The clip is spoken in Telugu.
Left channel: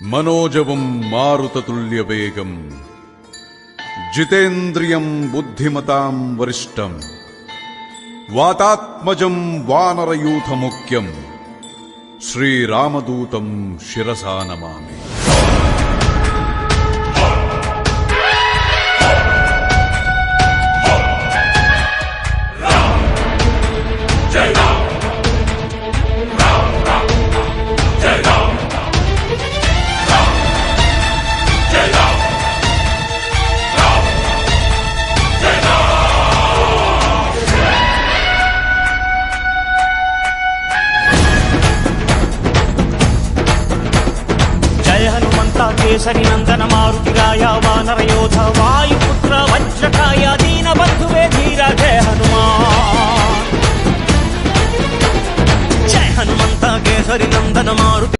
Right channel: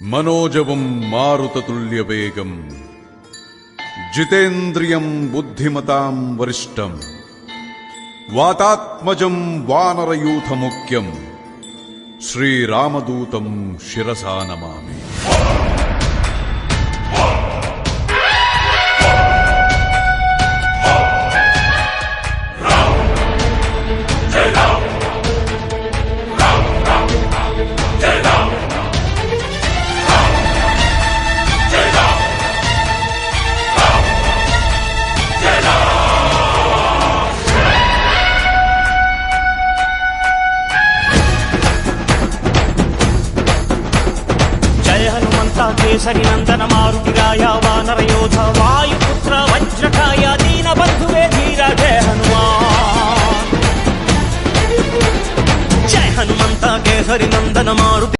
మనోజవం మారుతతుల్యవేగం జితేంద్రియం బుద్ధిమతాం వరిష్టం వాతాత్మజం వానరయూథముఖ్యం శ్రీరామదూతం శిరసా నమామి. జయ హనుమంత కేసరి నందన మారుతిరాయ వానర యోధ వాయుపుత్ర వజ్రకాయ దీన బంధువే ధీర జయ హనుమాన్. జయ హనుమంత కేసరి నందన మారుతి